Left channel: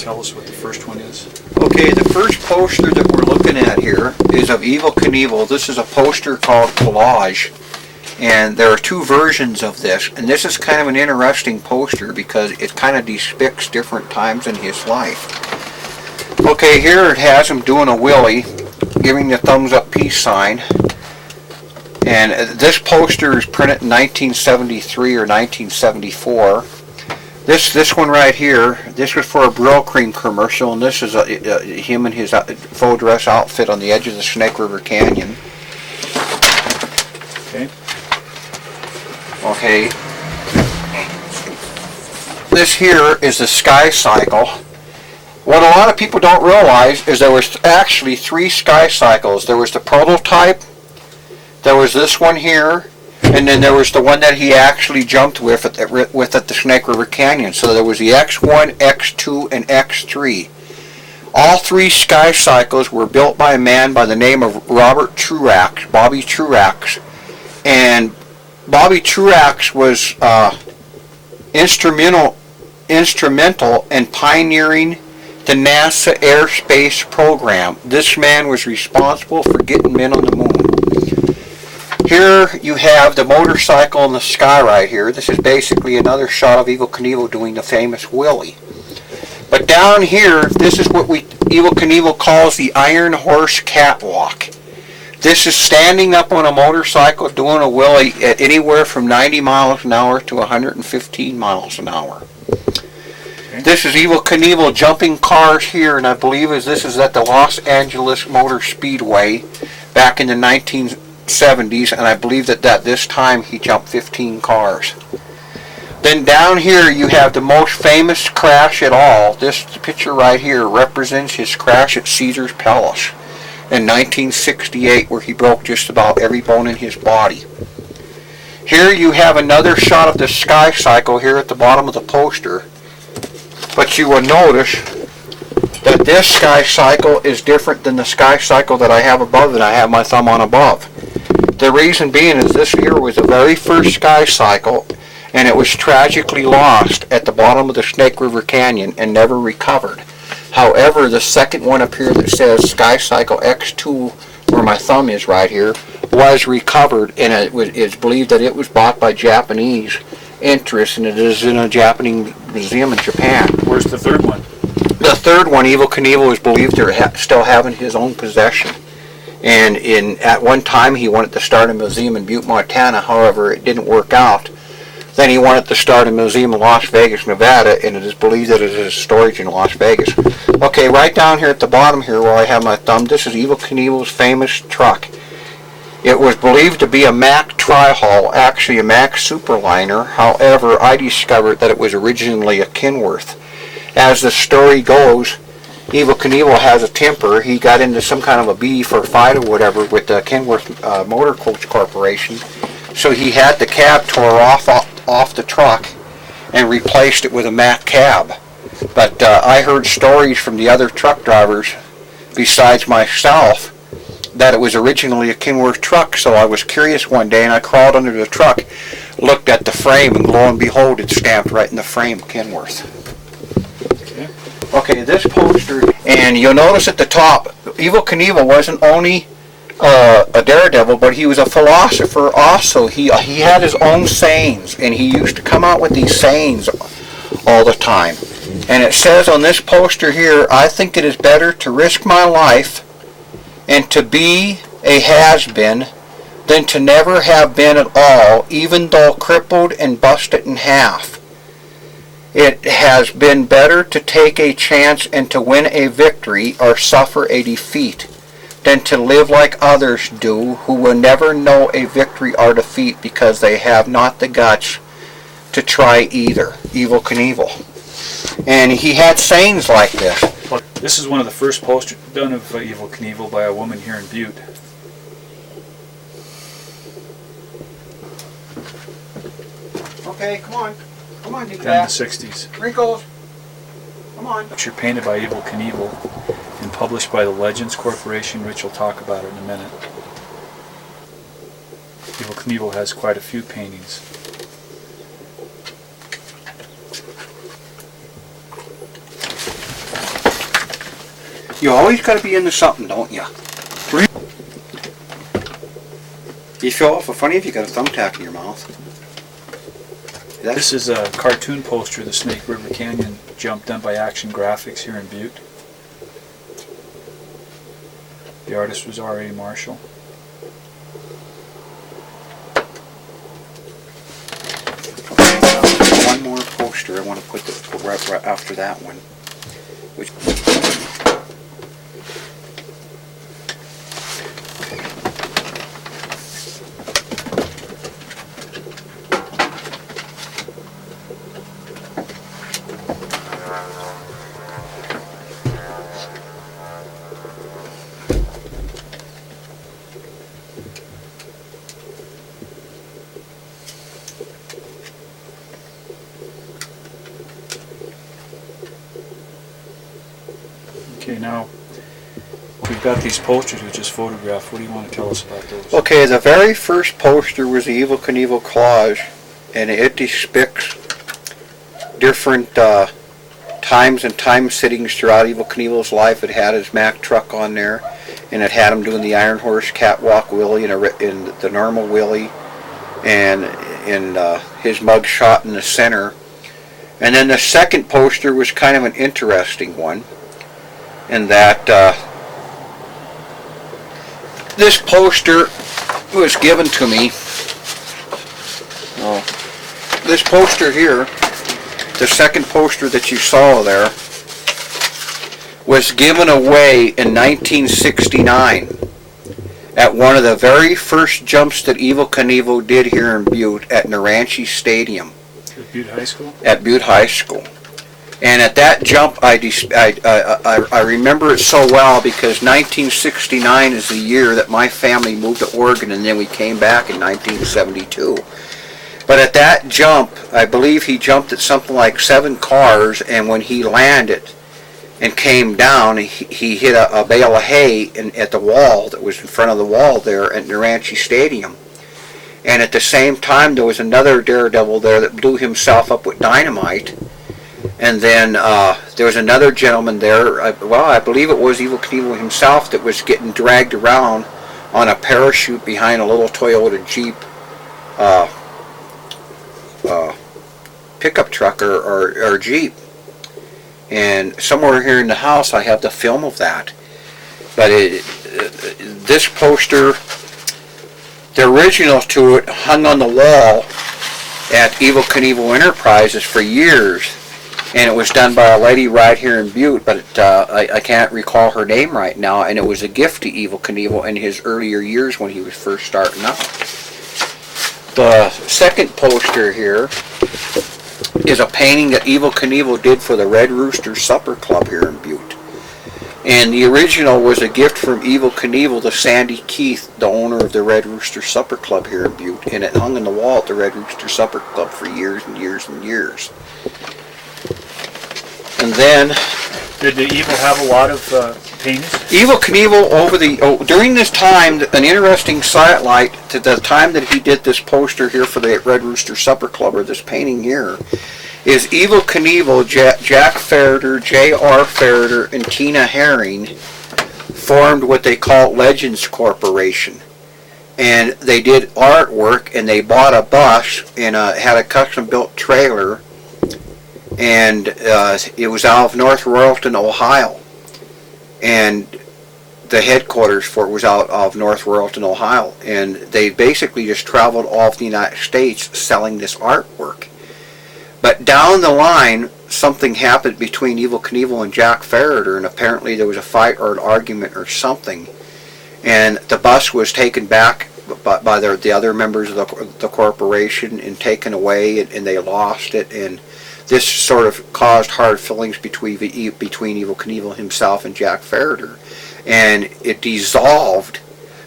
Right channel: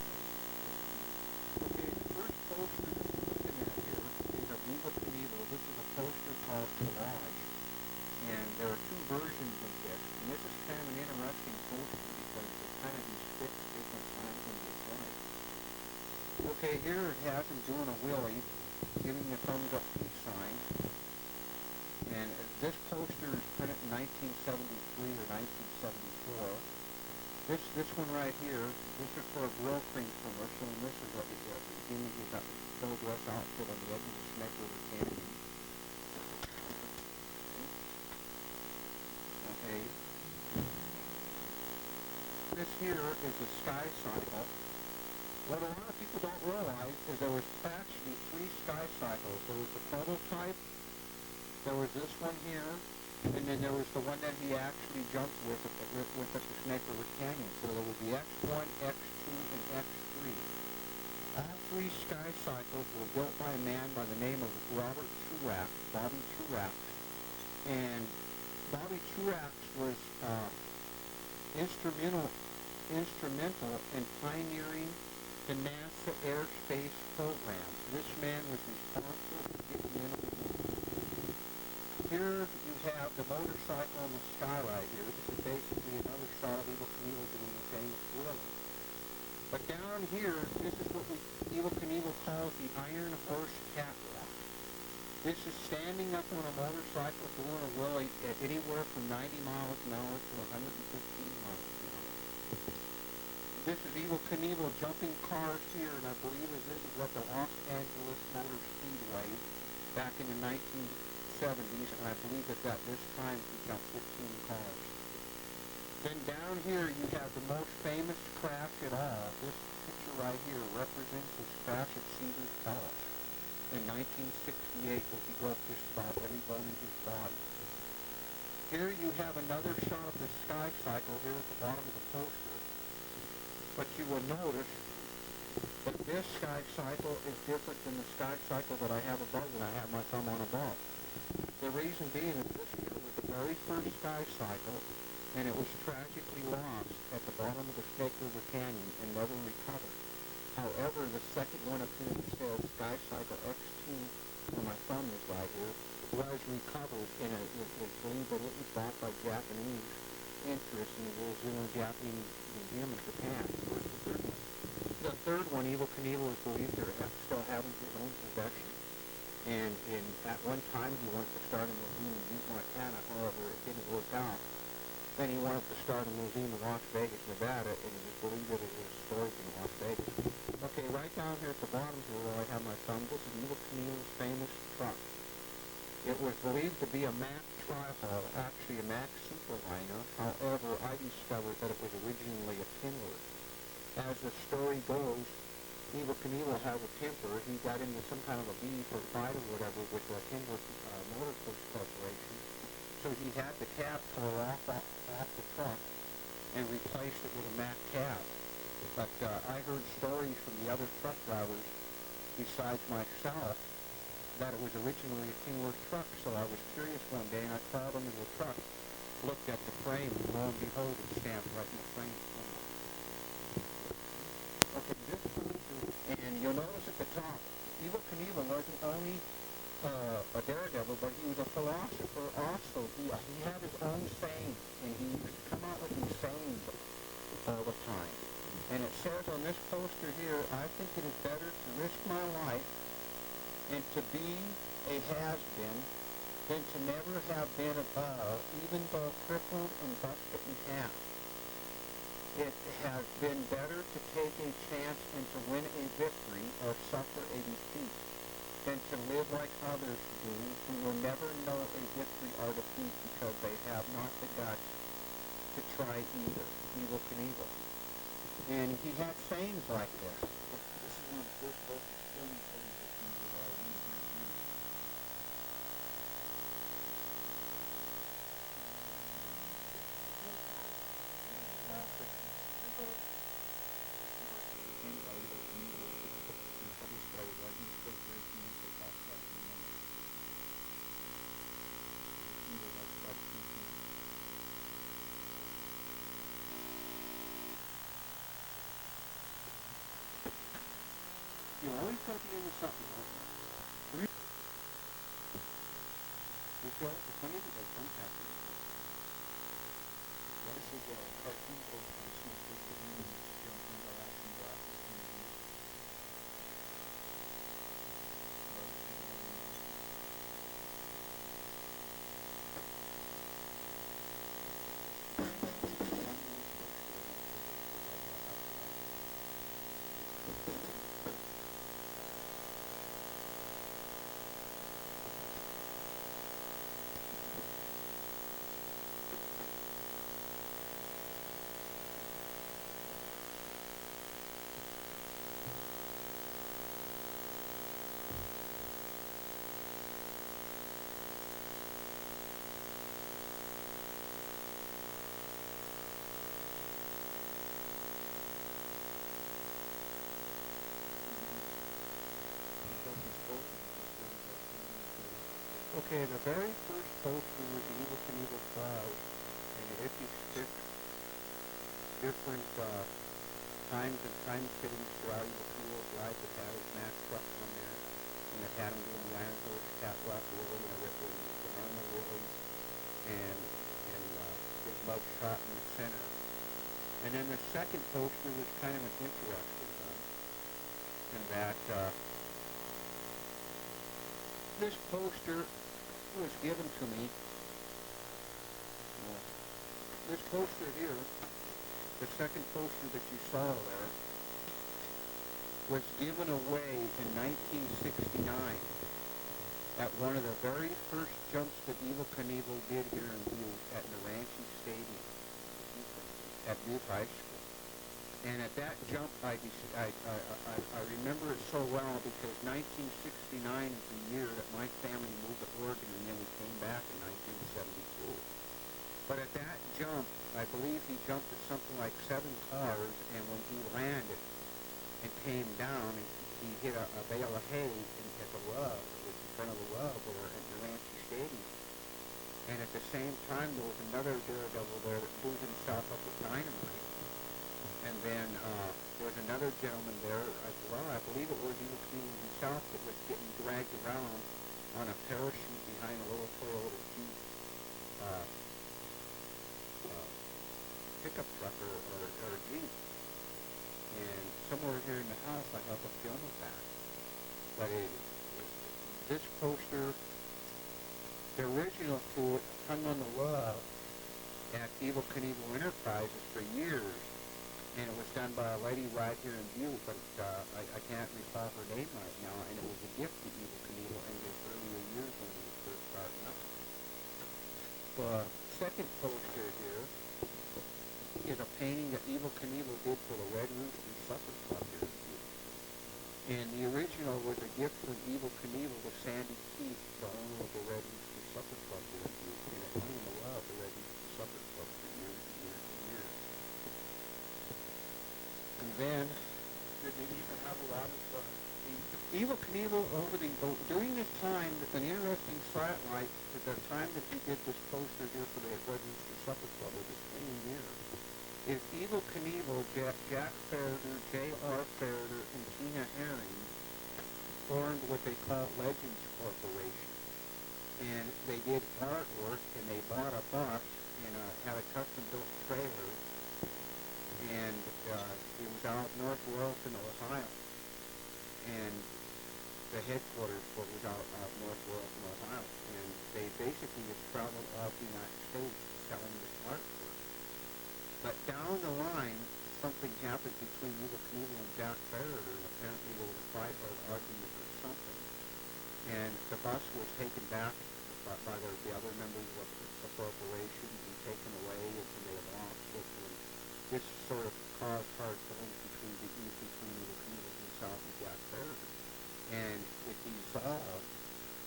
tell us what the first one is? Okay, the first poster that we're looking at here is of Evel Knievel. This is a poster called Collage, and there are two versions of this, and this is kind of an interesting poster because it kind of depicts different times in his life. Okay, here it has him doing a willy, giving the thumbs up peace sign, and this poster is printed in 1973 or 1974. This one right here, this was for a Brill Cream commercial, and this is him in his full dress outfit on the edge of the Snake River Canyon. Okay. Okay. This here is the Sky Cycle. What a lot of people don't realize is there was actually 3 Sky Cycles. There was the prototype, there was this one here, and then there was the one that he actually jumped with at the Snake River Canyon. So there was the X1, X2, and X3. All 3 Sky Cycles were built by a man by the name of Robert Truax, Bobby Truax. And Bobby Truax was instrumental in pioneering the NASA airspace program. This man was responsible for getting men on the moon. Here you have the motorcycle in the sky right here. This is basically another shot of Evel Knievel doing the famous Willie. But down here, this is what Evel Knievel calls the Iron Horse Catwalk. This is standing up on a motorcycle doing a Willie at anywhere from 90 miles an hour to 115 miles an hour. Okay. This is Evel Knievel jumping cars here, and I believe this is at the Los Angeles Motor Speedway back in the 1970s, and I believe that this time he jumped 15 cars. Then down here you have the most famous crash at all. This picture right here represents his crash at Caesar's Palace in 1968, where he broke just about every bone in his body. Here you have another shot of the Sky Cycle here at the bottom of the poster, but you will notice that this Sky Cycle is different than the Sky Cycle that I have above that I have my thumb on above. The reason being is this here was the very first Sky Cycle, and it was tragically lost at the bottom of the Snake River Canyon and never recovered. However, the second one up here that says Sky Cycle X2, where my thumb is right here, was recovered, and it's believed that it was bought by Japanese interests, and it is in a Japanese museum in Japan. Where's the third one? The third one, Evel Knievel is believed to still have in his own possession. And at one time he wanted to start a museum in Butte, Montana. However, it didn't work out. Then he wanted to start a museum in Las Vegas, Nevada, and it is believed that it is storage in Las Vegas. Okay, right down here at the bottom here where I have my thumb, this is Evel Knievel's famous truck. It was believed to be a Mack Tri-Hull, actually a Mack Superliner. However, I discovered that it was originally a Kenworth. As the story goes, Evel Knievel has a temper. He got into some kind of a beef or fight or whatever with the Kenworth Motor Coach Corporation. So he had the cab tore off the truck and replaced it with a Mack cab. But I heard stories from the other truck drivers, besides myself, that it was originally a Kenworth truck. So I was curious one day, and I crawled under the truck, looked at the frame, and lo and behold, it's stamped right in the frame, Kenworth. Okay, this poster, and you'll notice at the top, Evel Knievel wasn't only a daredevil, but he was a philosopher also. He had his own sayings, and he used to come out with these sayings all the time. And it says on this poster here, I think it is better to risk my life and to be a has-been than to never have been at all, even though crippled and busted in half. It has been better to take a chance and to win a victory or suffer a defeat than to live like others do, who will never know a victory or defeat because they have not the guts to try either. Evel Knievel. And he had sayings like this. This is one of the first posters done of Evel Knievel by a woman here in Butte. Okay, come on. Come on, Done in the 60s. Wrinkles. Come on. Picture painted by Evel Knievel and published by the Legends Corporation. Rich will talk about it in a minute. Evel Knievel has quite a few paintings. You always got to be into something, don't you? You feel awful funny if you got a thumbtack in your mouth. This is a cartoon poster of the Snake River Canyon jump done by Action Graphics here in Butte. The artist was R.A. Marshall. Okay, now one more poster I want to put right after that one. Which, Okay, now we've got these posters we just photographed. What do you want to tell us about those? okay, the very first poster was the Evel Knievel collage, and it depicts different times and time sittings throughout Evel Knievel's life. It had his Mack truck on there, and it had him doing the Iron Horse catwalk wheelie and the normal wheelie, and his mug shot in the center. And then the second poster was kind of an interesting one, in that this poster was given to me. Oh, this poster here, the second poster that you saw there, was given away in 1969 at one of the very first jumps that Evel Knievel did here in Butte at Naranche Stadium. At Butte High School? At Butte High School. And at that jump, I remember it so well because 1969 is the year that my family moved to Oregon, and then we came back in 1972. But at that jump, I believe he jumped at something like 7 cars, and when he landed and came down, he hit a bale of hay at the wall that was in front of the wall there at Naranche Stadium. And at the same time, there was another daredevil there that blew himself up with dynamite. And then there was another gentleman there, I believe it was Evel Knievel himself, that was getting dragged around on a parachute behind a little Toyota Jeep pickup truck or Jeep. And somewhere here in the house I have the film of that. But this poster, the original to it, hung on the wall at Evel Knievel Enterprises for years. And it was done by a lady right here in Butte, but I can't recall her name right now, and it was a gift to Evel Knievel in his earlier years when he was first starting out. The second poster here is a painting that Evel Knievel did for the Red Rooster Supper Club here in Butte. And the original was a gift from Evel Knievel to Sandy Keith, the owner of the Red Rooster Supper Club here in Butte, and it hung on the wall at the Red Rooster Supper Club for years and years and years. And then, Did the Evel have a lot of paintings? Evel Knievel during this time, an interesting sidelight to the time that he did this poster here for the Red Rooster Supper Club, or this painting here, is Evel Knievel, Jack Ferreter, J.R. Ferreter, and Tina Herring formed what they call Legends Corporation. And they did artwork, and they bought a bus and had a custom-built trailer, and it was out of North Royalton, Ohio, and the headquarters for it was out of North Royalton, Ohio, and they basically just traveled all of the United States selling this artwork. But down the line, something happened between Evel Knievel and Jack Ferreter, and apparently there was a fight or an argument or something, and the bus was taken back by the other members of the corporation and taken away, and they lost it, and this sort of caused hard feelings between Evel Knievel himself and Jack Ferreter. And it dissolved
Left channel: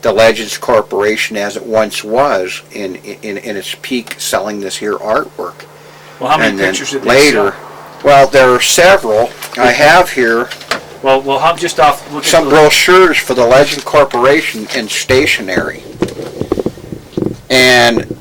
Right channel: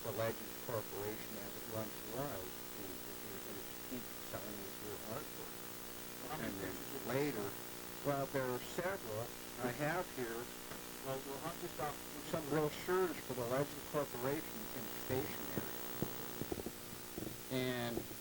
the Legends Corporation as it once was in its peak, selling this here artwork. Well, how many and then pictures did they later, sell? Well, there are several. I have here Well, how just off look some at brochures for the Legend Corporation in stationery. And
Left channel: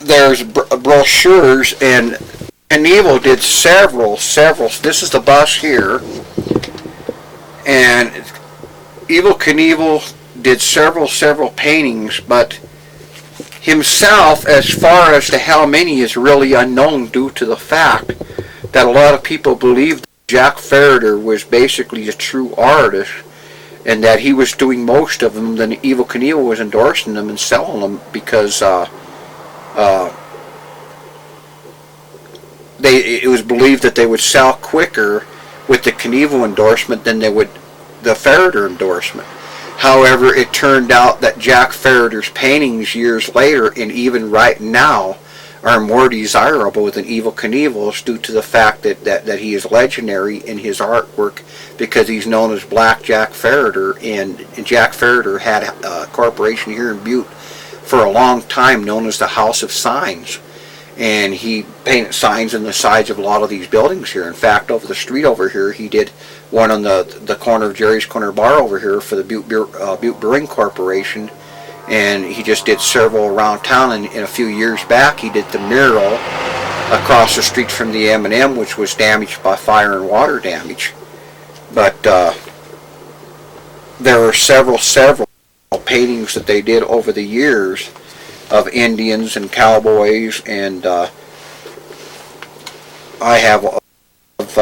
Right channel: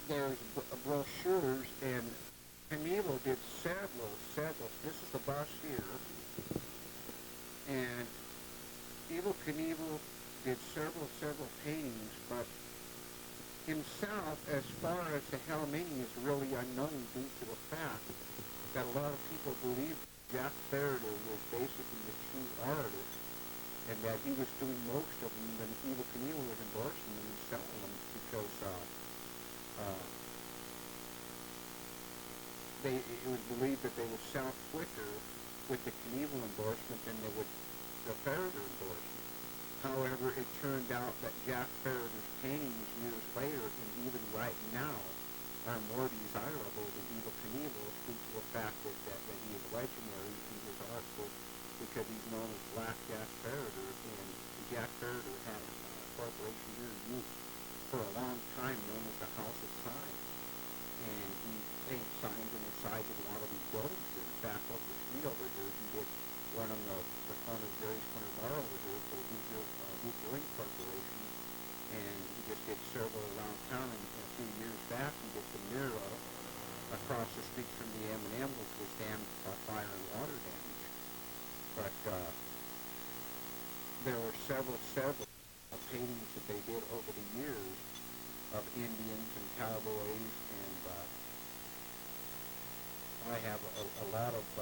there's brochures, and Knievel did several. This is the bus here, And Evel Knievel did several paintings, but himself, as far as to how many, is really unknown due to the fact that a lot of people believe that Jack Ferreter was basically a true artist and that he was doing most of them, then Evel Knievel was endorsing them and selling them because it was believed that they would sell quicker with the Knievel endorsement than they would the Ferreter endorsement. However, it turned out that Jack Ferreter's paintings years later, and even right now, are more desirable than Evel Knievel's due to the fact that he is legendary in his artwork because he's known as Black Jack Ferreter, and Jack Ferreter had a corporation here in Butte for a long time known as the House of Signs. And he painted signs on the sides of a lot of these buildings here. In fact, over the street over here, he did one on the corner of Jerry's Corner Bar over here for the Butte Brewing Corporation. And he just did several around town. And a few years back, he did the mural across the street from the M&M, which was damaged by fire and water damage. But there were several paintings that they did over the years of Indians and cowboys, and I have a lot of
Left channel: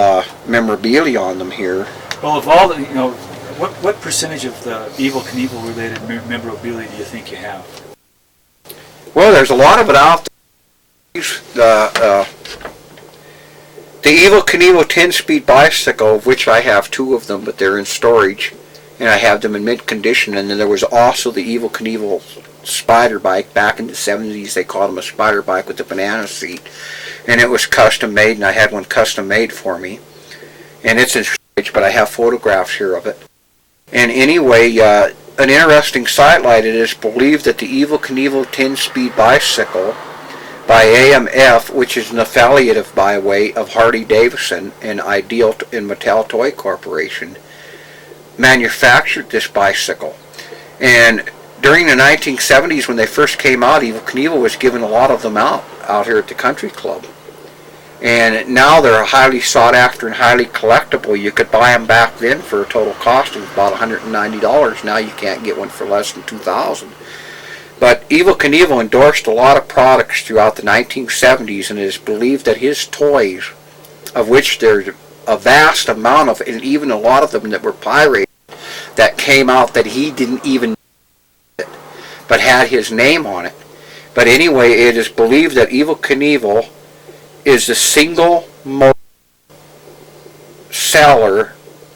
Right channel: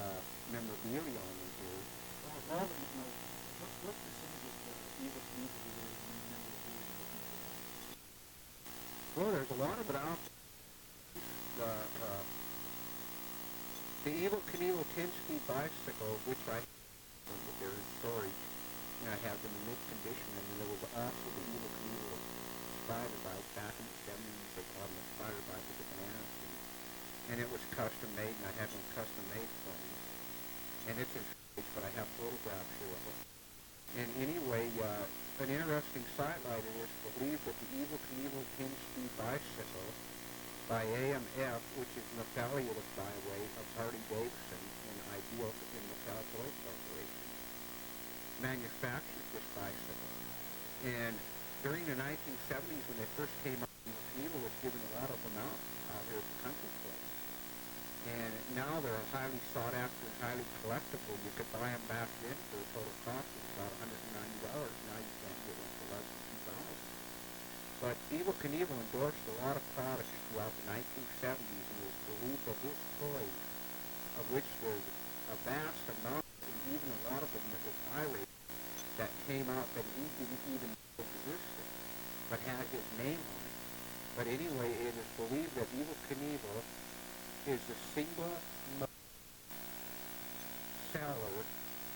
memorabilia on them here. Well, of all the, what percentage of the Evel Knievel related memorabilia do you think you have? Well, there's a lot of it out there. The Evel Knievel 10-speed bicycle, of which I have 2 of them, but they're in storage, and I have them in mint condition. And then there was also the Evel Knievel spider bike. Back in the 70s, they called them a spider bike with a banana seat, and it was custom made, and I had one custom made for me, and it's in storage, but I have photographs here of it. And anyway, an interesting sidelight, it is believed that the Evel Knievel 10-speed bicycle by AMF, which is an affiliate of, by way of Harley Davidson and Ideal and Mattel Toy Corporation, manufactured this bicycle. And during the 1970s, when they first came out, Evel Knievel was giving a lot of them out here at the country club. And now they're highly sought after and highly collectible. You could buy them back then for a total cost of about $190. Now you can't get one for less than $2,000. But Evel Knievel endorsed a lot of products throughout the 1970s, and it is believed that his toys, of which there's a vast amount of, and even a lot of them that were pirated, that came out that he didn't even but had his name on it. But anyway, it is believed that Evel Knievel is the single most seller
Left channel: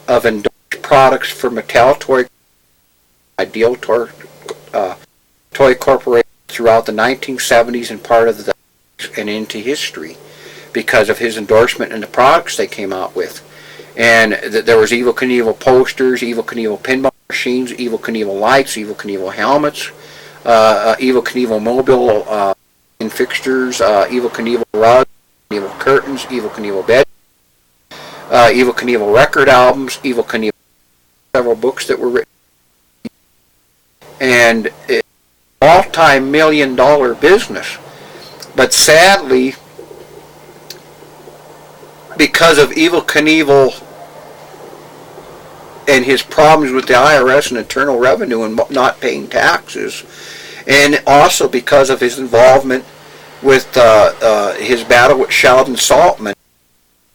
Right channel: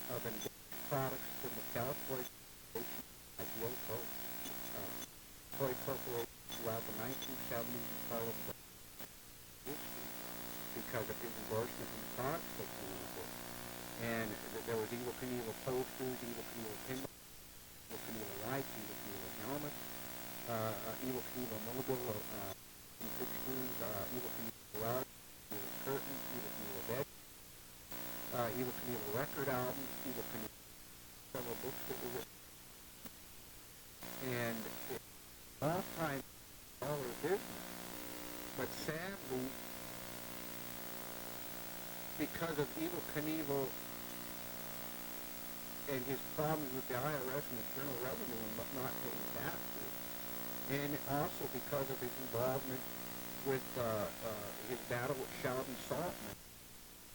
of endorsed products for Mattel Toy, Ideal Toy Corporation throughout the 1970s and part of the and into history because of his endorsement and the products they came out with. And there was Evel Knievel posters, Evel Knievel pinball machines, Evel Knievel lights, Evel Knievel helmets, Evel Knievel mobile fixtures, Evel Knievel rugs, Knievel curtains, Evel Knievel bed, Evel Knievel record albums, Evel Knievel several books that were written, and it's a multi-million-dollar business. But sadly, because of Evel Knievel and his problems with the IRS and Internal Revenue and not paying taxes, and also because of his involvement with his battle with Sheldon Saltman,